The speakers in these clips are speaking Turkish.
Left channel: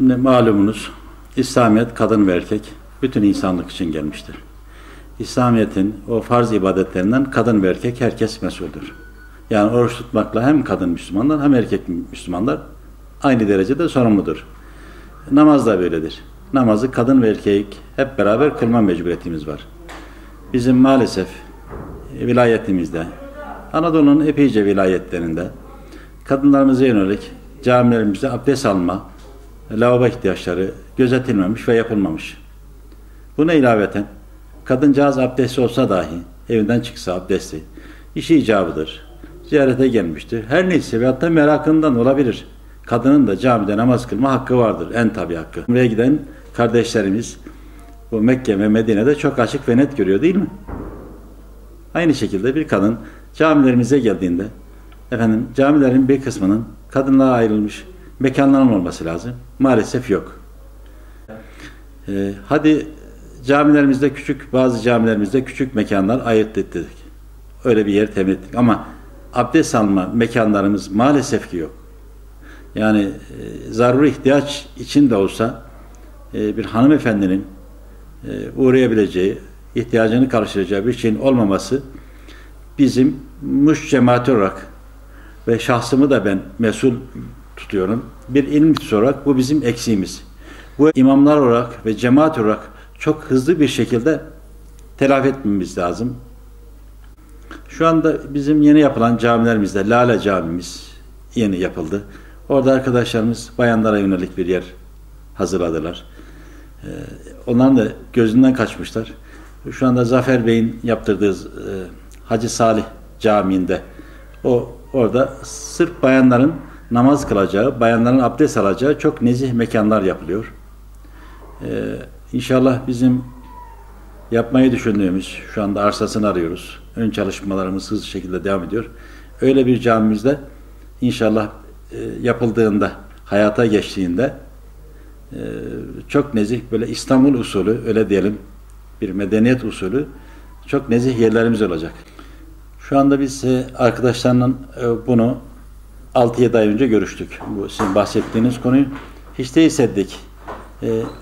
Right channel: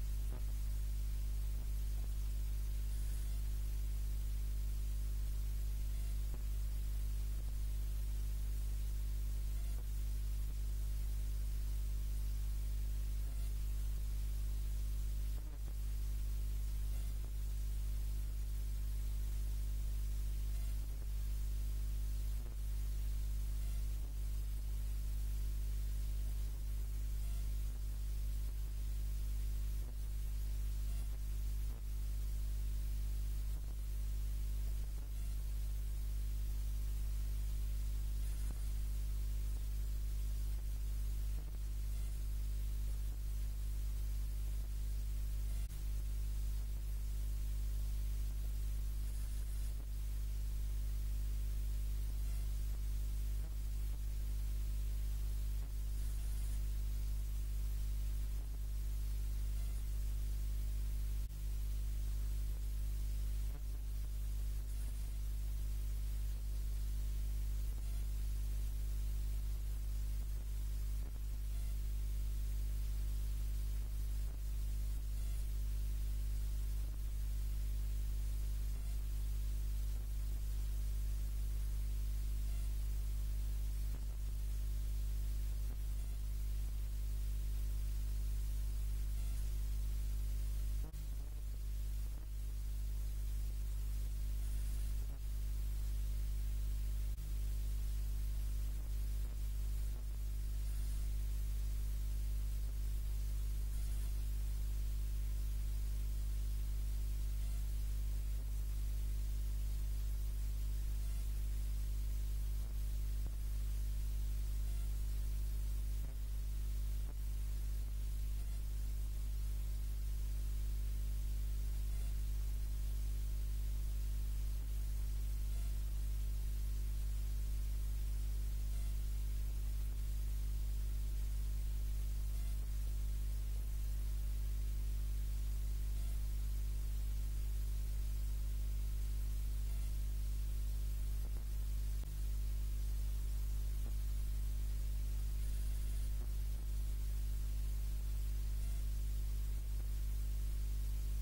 Şimdi malumunuz İslamiyet kadın ve erkek bütün insanlık için gelmiştir. İslamiyet'in o farz ibadetlerinden kadın ve erkek herkes mesuldür. Yani oruç tutmakla hem kadın Müslümanlar hem erkek Müslümanlar aynı derecede sorumludur. Namaz da böyledir. Namazı kadın ve erkek hep beraber kılma mecburiyetimiz var. Bizim maalesef vilayetimizde, Anadolu'nun epeyce vilayetlerinde kadınlarımıza yönelik camilerimizde abdest alma, lavabo ihtiyaçları gözetilmemiş ve yapılmamış. Buna ilaveten kadıncağız abdestli olsa dahi evinden çıksa abdestli, işi icabıdır, ziyarete gelmiştir. Her neyse veyahut da merakından olabilir. Kadının da camide namaz kılma hakkı vardır. En tabi hakkı. Buraya giden kardeşlerimiz bu Mekke ve Medine'de çok açık ve net görüyor değil mi? Aynı şekilde bir kadın camilerimize geldiğinde camilerin bir kısmının kadınlara ayrılmış mekanların olması lazım. Maalesef yok. Hadi camilerimizde bazı camilerimizde küçük mekanlar ayırt ettik. Öyle bir yer temin ettik. Ama abdest alma mekanlarımız maalesef ki yok. Yani zaruri ihtiyaç için de olsa bir hanımefendinin uğrayabileceği, ihtiyacını karşılayacağı bir şeyin olmaması bizim Muş cemaati olarak ve şahsımı da ben mesul tutuyorum. Bir ilim olarak bu bizim eksiğimiz. Bu imamlar olarak ve cemaat olarak çok hızlı bir şekilde telafi etmemiz lazım. Şu anda bizim yeni yapılan camilerimizde Lale Camimiz yeni yapıldı. Orada arkadaşlarımız bayanlara yönelik bir yer hazırladılar. Onların da gözünden kaçmışlar. Şu anda Zafer Bey'in yaptırdığı Hacı Salih Camii'nde orada sırf bayanların namaz kılacağı, bayanların abdest alacağı çok nezih mekanlar yapılıyor. İnşallah bizim yapmayı düşündüğümüz, şu anda arsasını arıyoruz. Ön çalışmalarımız hızlı şekilde devam ediyor. Öyle bir camimizde inşallah yapıldığında, hayata geçtiğinde çok nezih, böyle İstanbul usulü, öyle diyelim, bir medeniyet usulü çok nezih yerlerimiz olacak. Şu anda biz arkadaşlarla bunu 6-7 ay önce görüştük. Bu sizin bahsettiğiniz konuyu. Hiç değilse dedik,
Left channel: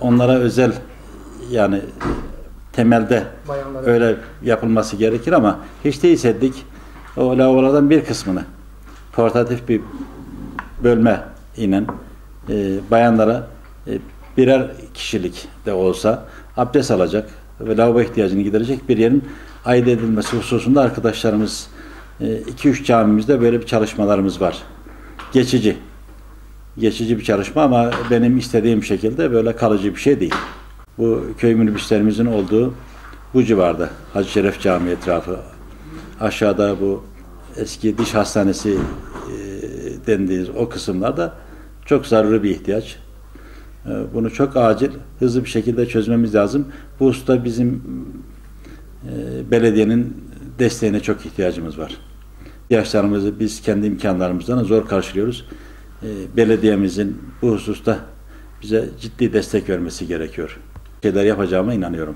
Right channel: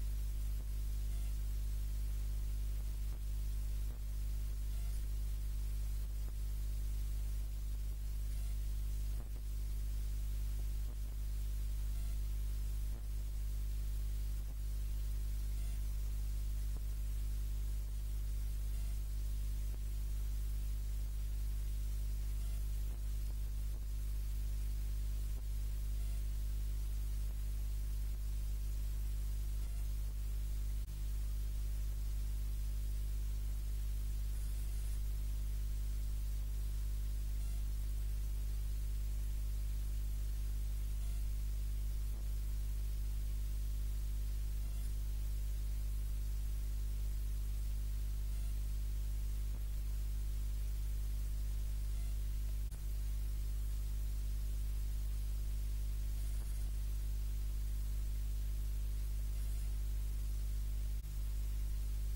onlara özel, yani temelde öyle yapılması gerekir ama hiç değilse dedik, o lavabolardan bir kısmını portatif bir bölme ile bayanlara birer kişilik de olsa abdest alacak ve lavabo ihtiyacını giderecek bir yerin ayırt edilmesi hususunda arkadaşlarımız 2-3 camimizde böyle bir çalışmalarımız var. Geçici bir çalışma ama benim istediğim şekilde böyle kalıcı bir şey değil. Bu köy minibüslerimizin olduğu bu civarda Hacı Şeref Camii etrafı, aşağıda bu eski diş hastanesi dendiğiniz o kısımlarda çok zaruri bir ihtiyaç. Bunu çok acil, hızlı bir şekilde çözmemiz lazım. Bu hususta bizim belediyenin desteğine çok ihtiyacımız var. İhtiyaçlarımızı biz kendi imkanlarımızdan zor karşılıyoruz. Belediyemizin bu hususta bize ciddi destek vermesi gerekiyor. Şeyler yapacağıma inanıyorum.